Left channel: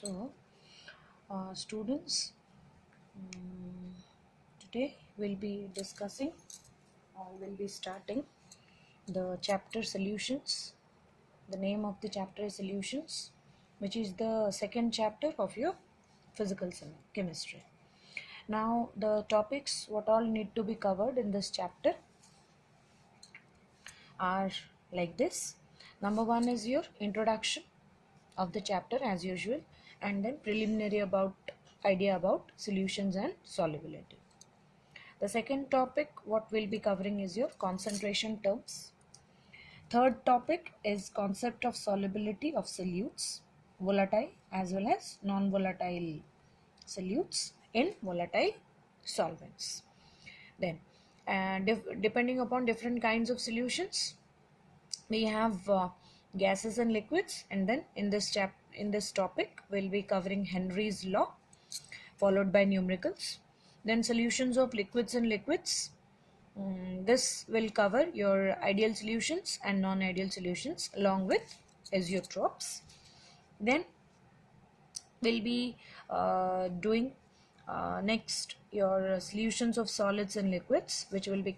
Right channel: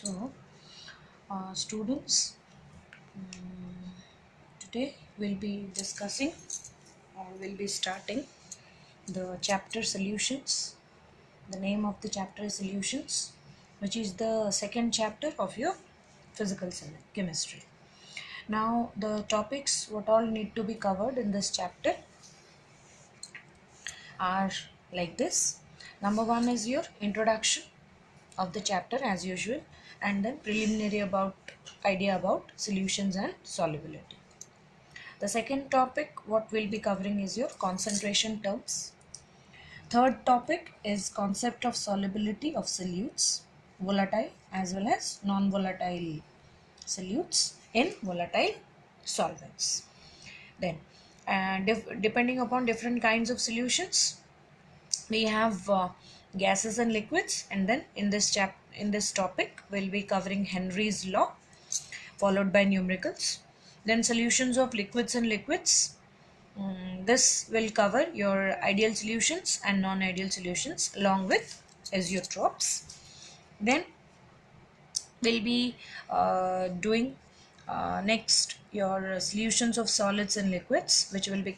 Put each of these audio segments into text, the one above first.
So, students, today we'll be discussing or we'll be starting the chapter solutions. The name of the chapter is solutions, which is the second chapter of your physical chemistry. Now, the topics what all need to be covered in this chapter are like this. Number one is your introduction of the chapter as usual, and then preliminary idea about solutions and solubility. The second topic what we'll be covering is your concentration terms. Third topic is concept of solubility of solutes, volatile as well as non-volatile solutes in volatile solvents. Then depending upon different kinds of solutions, we have gases and liquids, and then in this topic we'll be covering Henry's law followed by numericals. Then solutions of liquids and liquids. This will cover your ideal solutions and non-ideal solutions along with azeotropes. Then we'll be doing next your solutions of solids and liquids, which will be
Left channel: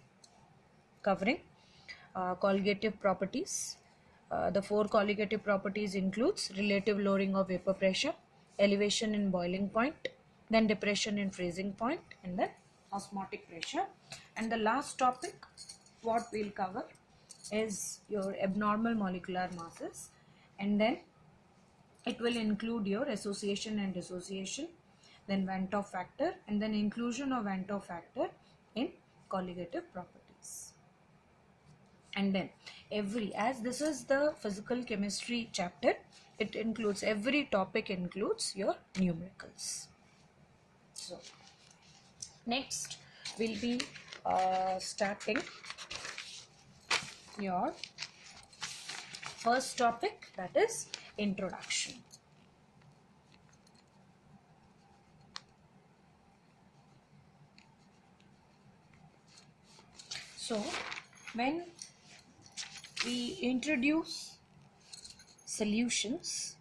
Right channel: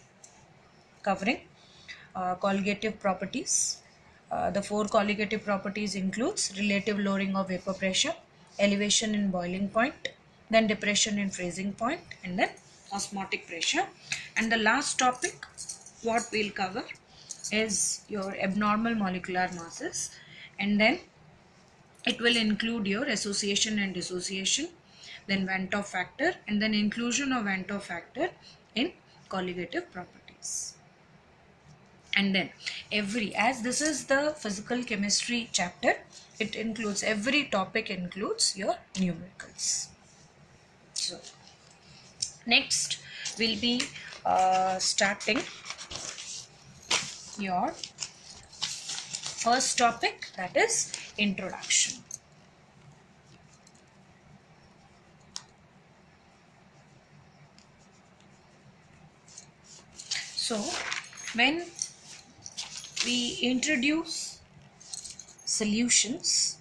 covering colligative properties. The four colligative properties includes relative lowering of vapor pressure, elevation in boiling point, then depression in freezing point, and then osmotic pressure. And the last topic what we'll cover is your abnormal molecular masses, and then it will include your association and dissociation, then Van 't Hoff factor, and then inclusion of Van 't Hoff factor in colligative properties. And then as this is the physical chemistry chapter, it includes every topic includes your numericals. So next we'll be starting your first topic, that is introduction. So when we introduce solutions,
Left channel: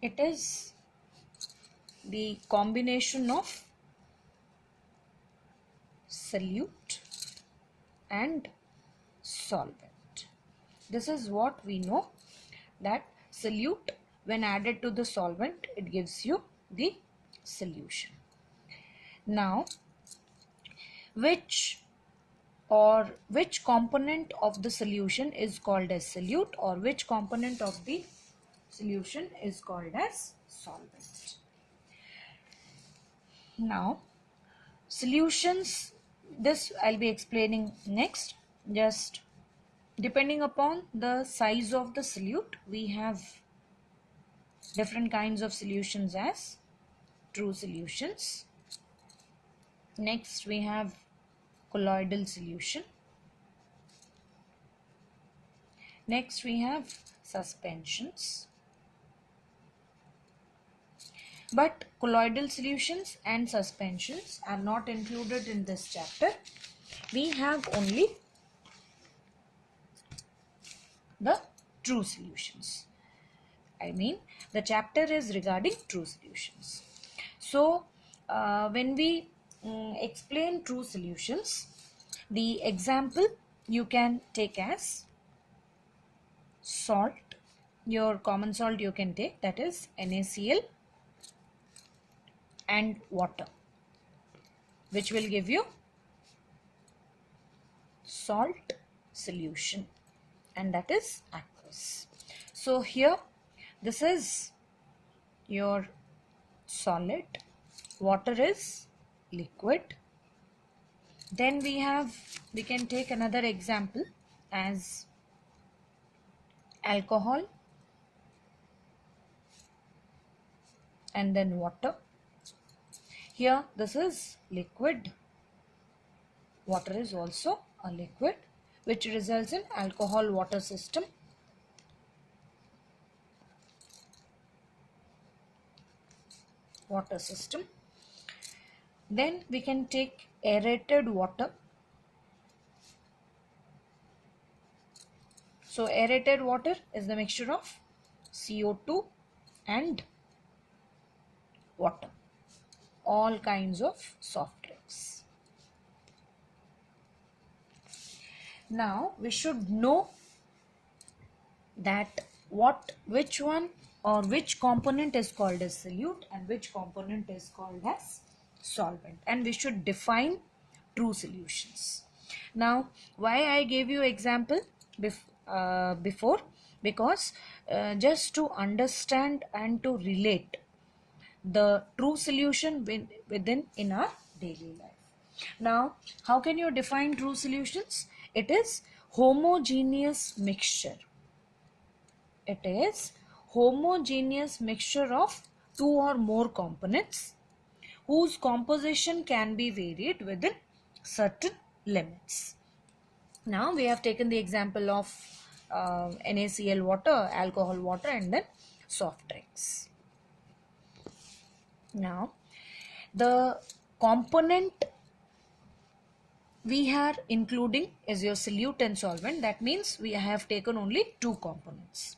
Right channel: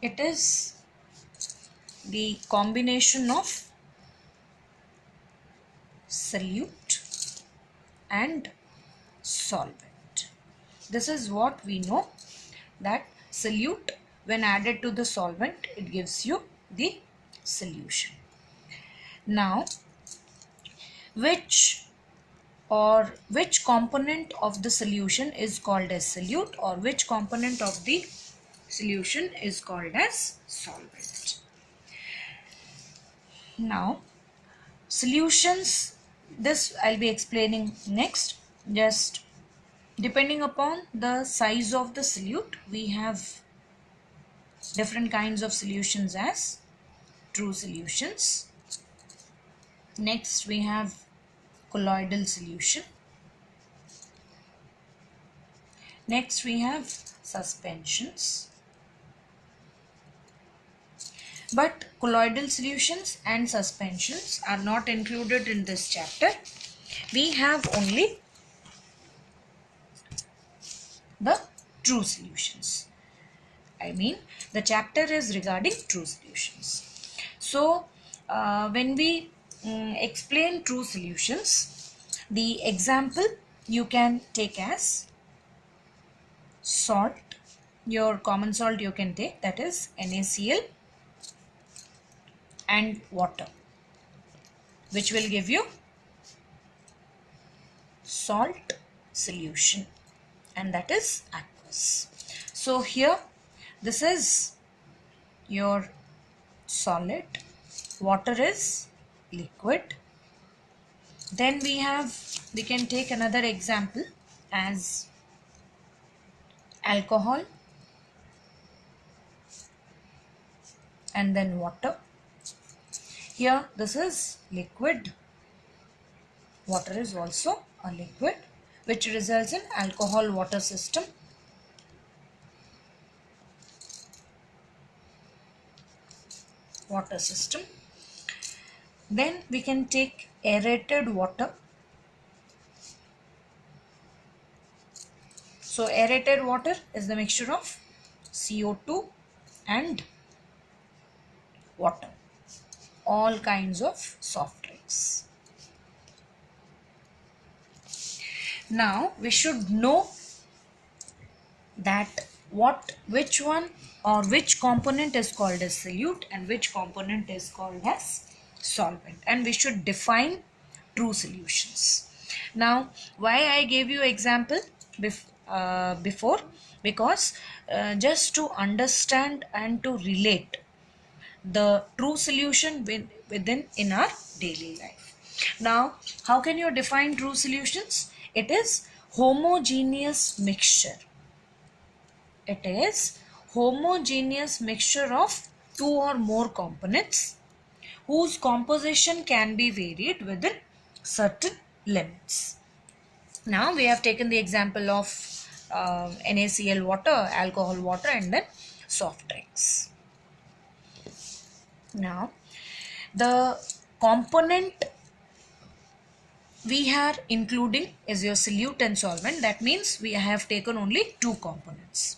it is the combination of solute and solvent. This is what we know, that solute when added to the solvent, it gives you the solution. Now, which component of the solution is called as solute, or which component of the solution is called as solvent? Now, solutions, this I'll be explaining next. Just depending upon the size of the solute, we have different kinds of solutions as true solutions. Next we have colloidal solution. Next we have suspensions. But colloidal solutions and suspensions are not included in this chapter. We have only the true solutions. I mean, the chapter is regarding true solutions. So when we explain true solutions, the example you can take as salt. Your common salt you can take, that is NaCl and water, which will give you salt solution, and that is aqueous. So here this is your solid, water is liquid. Then we can take another example as alcohol and then water. Here this is liquid, water is also a liquid, which results in alcohol water system. Then we can take aerated water. So aerated water is the mixture of CO2 and water, all kinds of soft drinks. Now we should know that which one or which component is called as solute and which component is called as solvent, and we should define true solutions. Now why I gave you example before, because just to understand and to relate the true solution within in our daily life. Now how can you define true solutions? It is homogeneous mixture. It is homogeneous mixture of two or more components whose composition can be varied within certain limits. Now we have taken the example of NaCl water, alcohol water, and then soft drinks. Now the component we are including is your solute and solvent. That means we have taken only two components.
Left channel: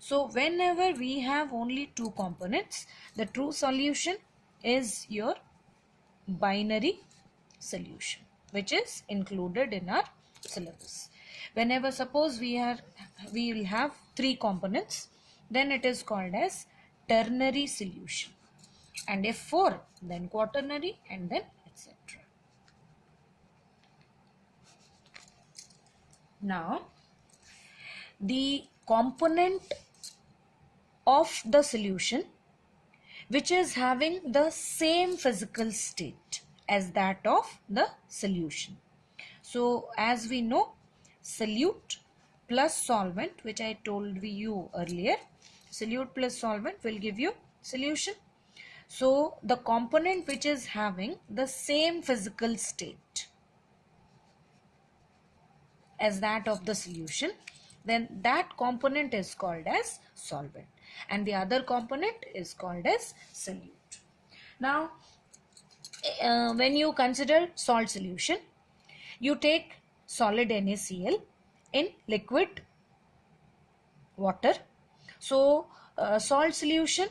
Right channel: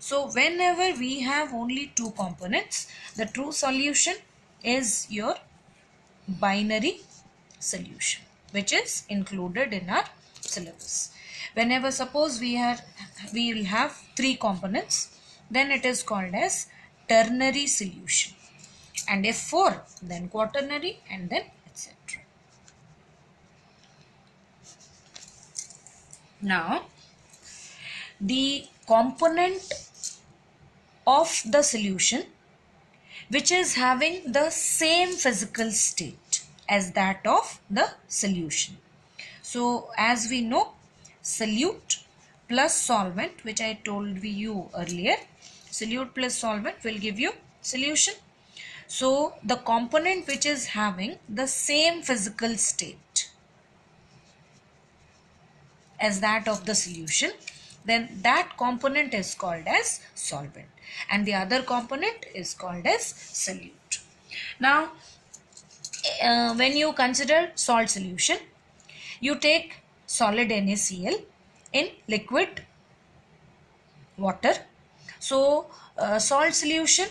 So whenever we have only two components, the true solution is your binary solution, which is included in our syllabus. Whenever suppose we will have three components, then it is called as ternary solution, and if four, then quaternary, and then etc. Now the component of the solution which is having the same physical state as that of the solution. So as we know, solute plus solvent, which I told you earlier, solute plus solvent will give you solution. So the component which is having the same physical state as that of the solution, then that component is called as solvent, and the other component is called as solute. Now when you consider salt solution, you take solid NaCl in liquid water. So salt solution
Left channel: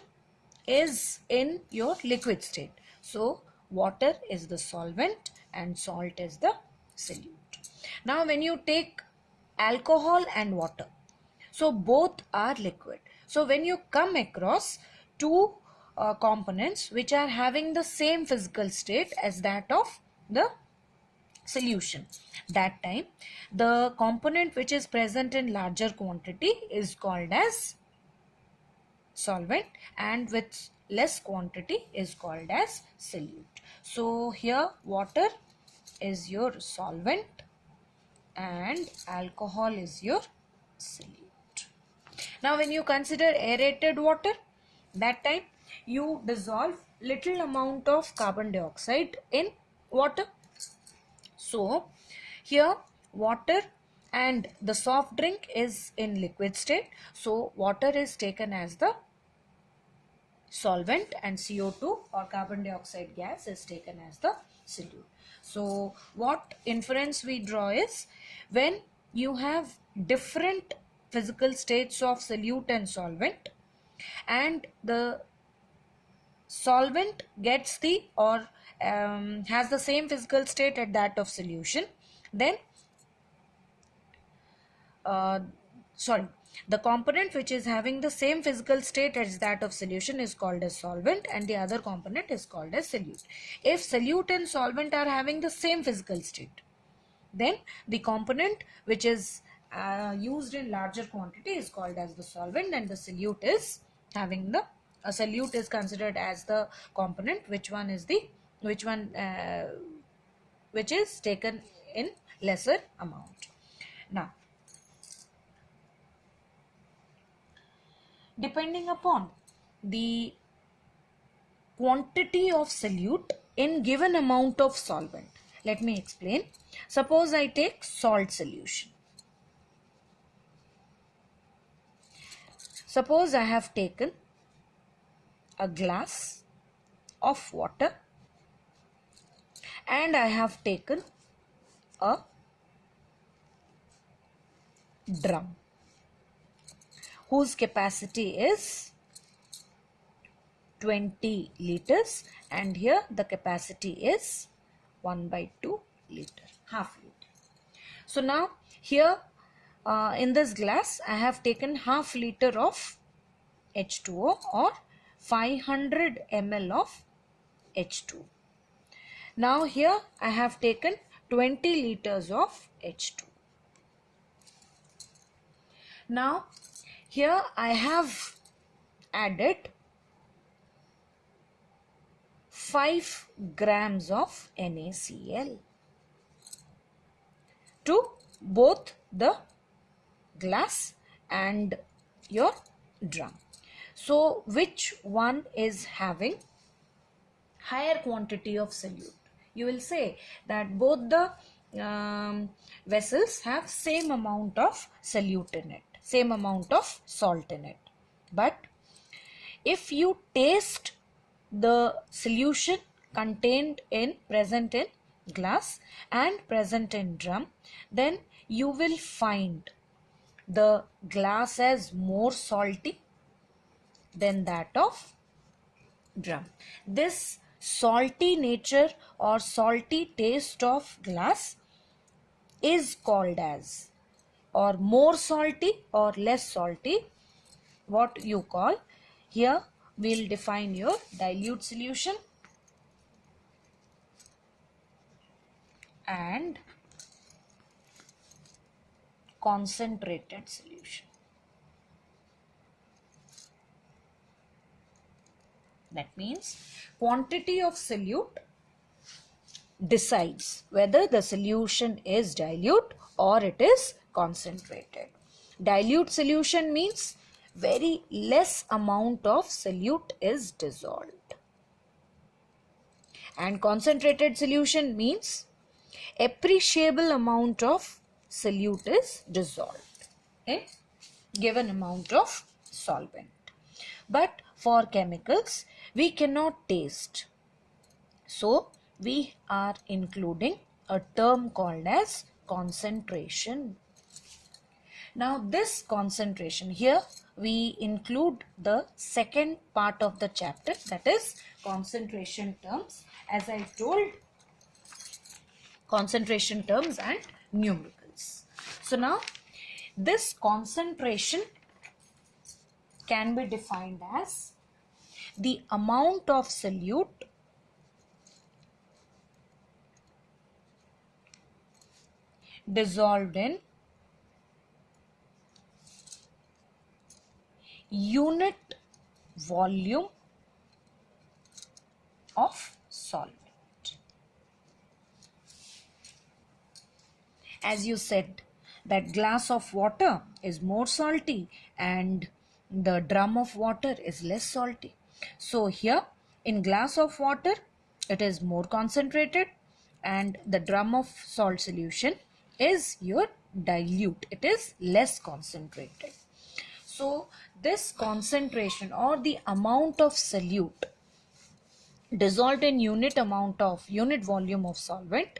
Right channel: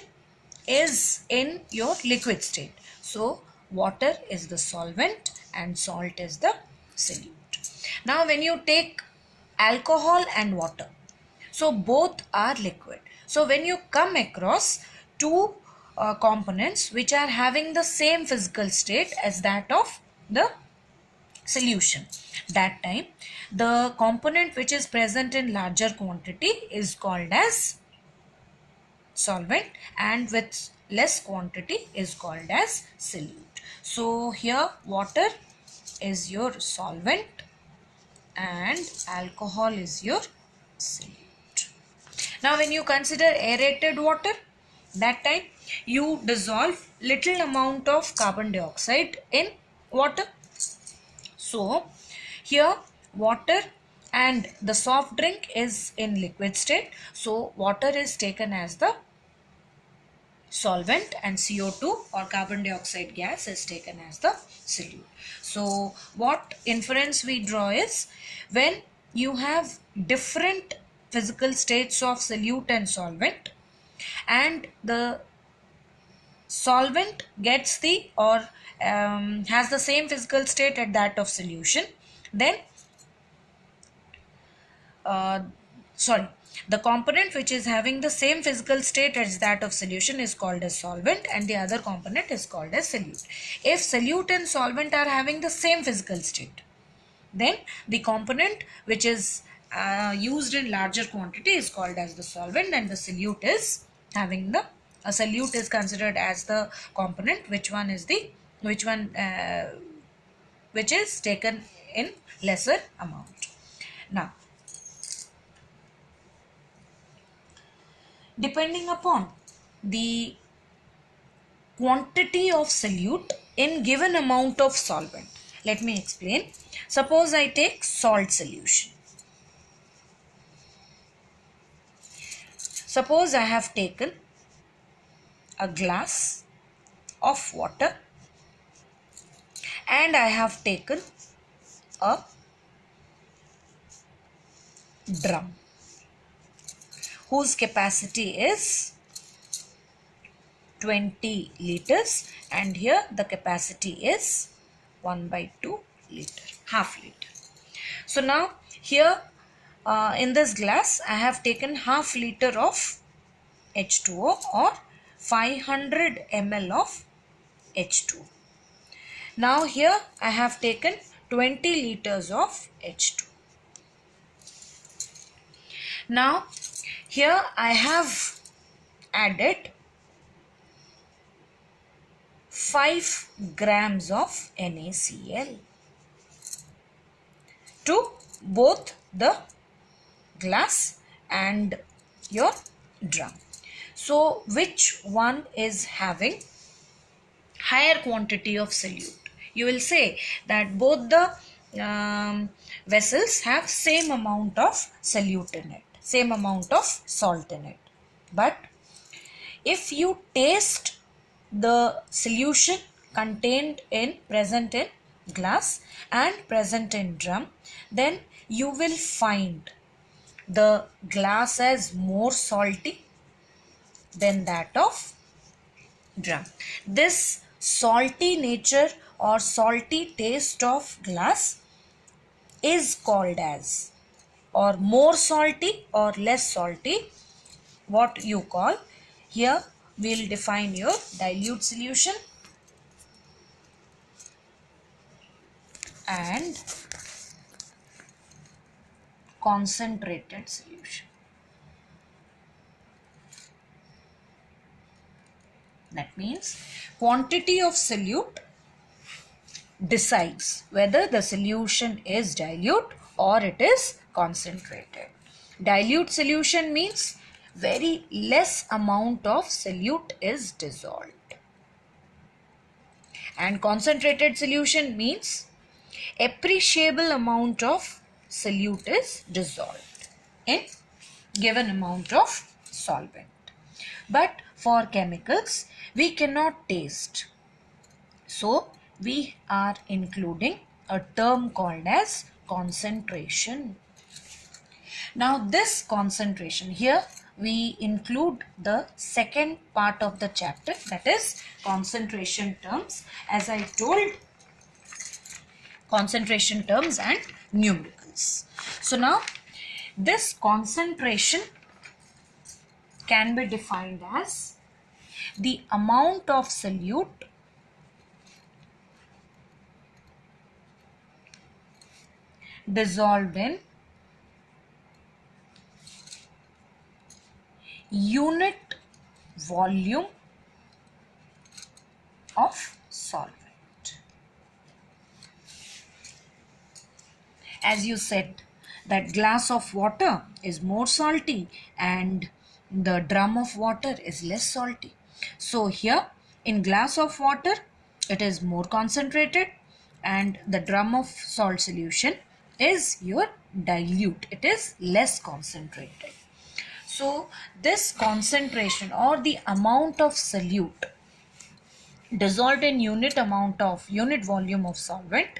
is in your liquid state, so water is the solvent and salt is the solute. Now when you take alcohol and water, so both are liquid. So when you come across two components which are having the same physical state as that of the solution, that time the component which is present in larger quantity is called as solvent, and with less quantity is called as solute. So here water is your solvent and alcohol is your solute. Now when you consider aerated water, that time you dissolve little amount of carbon dioxide in water. So here water and the soft drink is in liquid state, so water is taken as the solvent and CO2 or carbon dioxide gas is taken as the solute. So what inference we draw is, when you have different physical states of solute and solvent, and the solvent gets the or has the same physical state at that of solution, then the component which is having the same physical state as that of solution is called as solvent, and the other component is called as solute. If solute and solvent are having the same physical state, then the component which is used in larger quantity is called as the solvent, and the solute is having the solute is considered as the component which is taken in lesser amount. Now depending upon the quantity of solute in given amount of solvent, let me explain. Suppose I take salt solution. Suppose I have taken a glass of water and I have taken a drum. whose capacity is 20 liters, and here the capacity is 1/2 liter, half liter. So now here in this glass I have taken half liter of H2O or 500 ml of H2O. Now here I have taken 20 liters of H2. Now here I have added 5 grams of NaCl to both the glass and your drum. So which one is having higher quantity of solute? You will say that both the vessels have same amount of solute in it, same amount of salt in it. But if you taste the solution contained in present in glass and present in drum, then you will find the glass as more salty than that of drum. This salty nature or salty taste of glass is called as, or more salty or less salty, what you call, here we'll define your dilute solution and concentrated solution. That means quantity of solute decides whether the solution is dilute or it is concentrated. Dilute solution means very less amount of solute is dissolved. And concentrated solution means appreciable amount of solute is dissolved in given amount of solvent. But for chemicals, we cannot taste. So we are including a term called as concentration. Now this concentration, here we include the second part of the chapter, that is concentration terms. As I told, concentration terms and numericals. So now this concentration can be defined as the amount of solute dissolved in unit volume of solvent. As you said that glass of water is more salty and the drum of water is less salty. So here in glass of water it is more concentrated and the drum of salt solution is your dilute, it is less concentrated. So this concentration or the amount of solute dissolved in unit volume of solvent,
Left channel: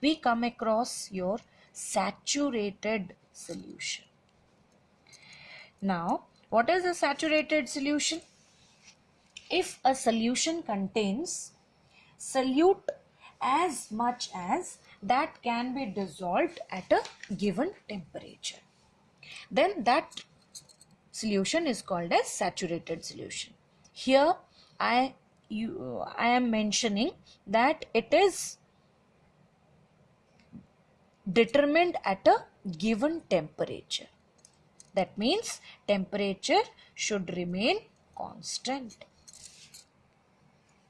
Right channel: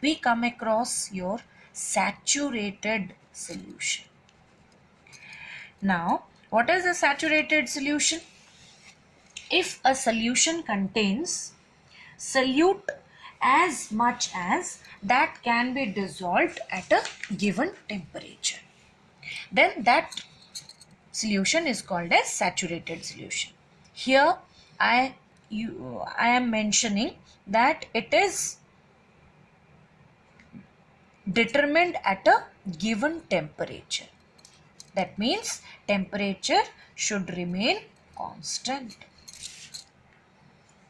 we come across your saturated solution. Now what is a saturated solution? If a solution contains solute as much as that can be dissolved at a given temperature, then that solution is called as saturated solution. Here I am mentioning that it is determined at a given temperature. That means temperature should remain constant.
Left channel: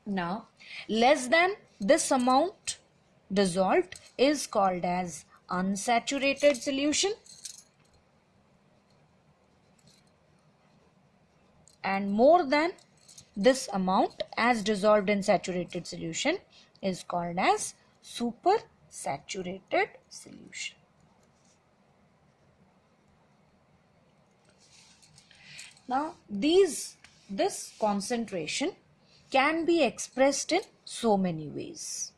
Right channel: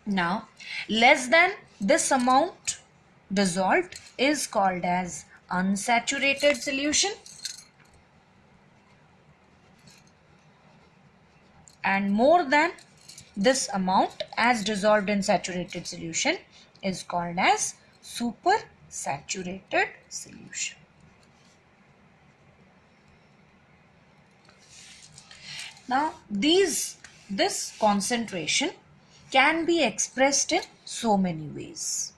Now less than this amount dissolved is called as unsaturated solution, and more than this amount as dissolved in saturated solution is called as supersaturated solution. Now this concentration can be expressed in so many ways.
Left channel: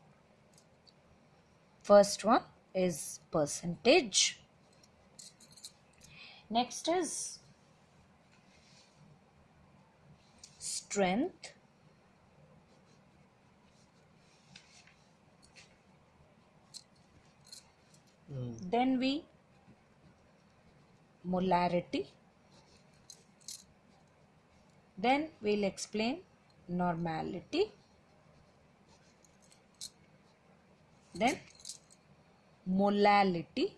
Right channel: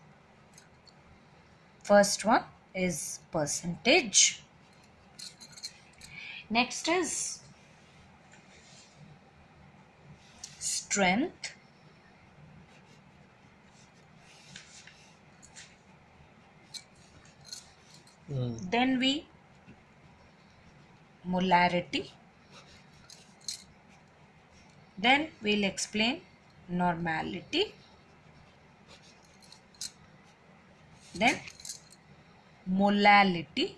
First one is percentage. Next is strength, then we molarity, then we'll explain normality, then molality,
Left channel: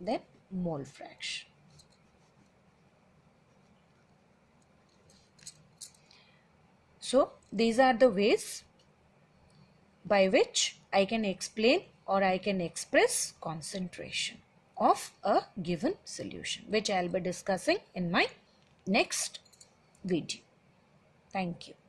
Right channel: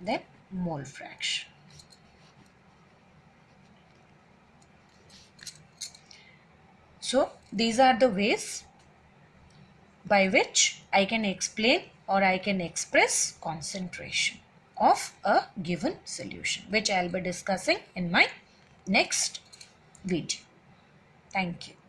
then mole fraction. So these are the ways by which I can explain or I can express concentration of a given solution, which I'll be discussing in my next video. Thank you.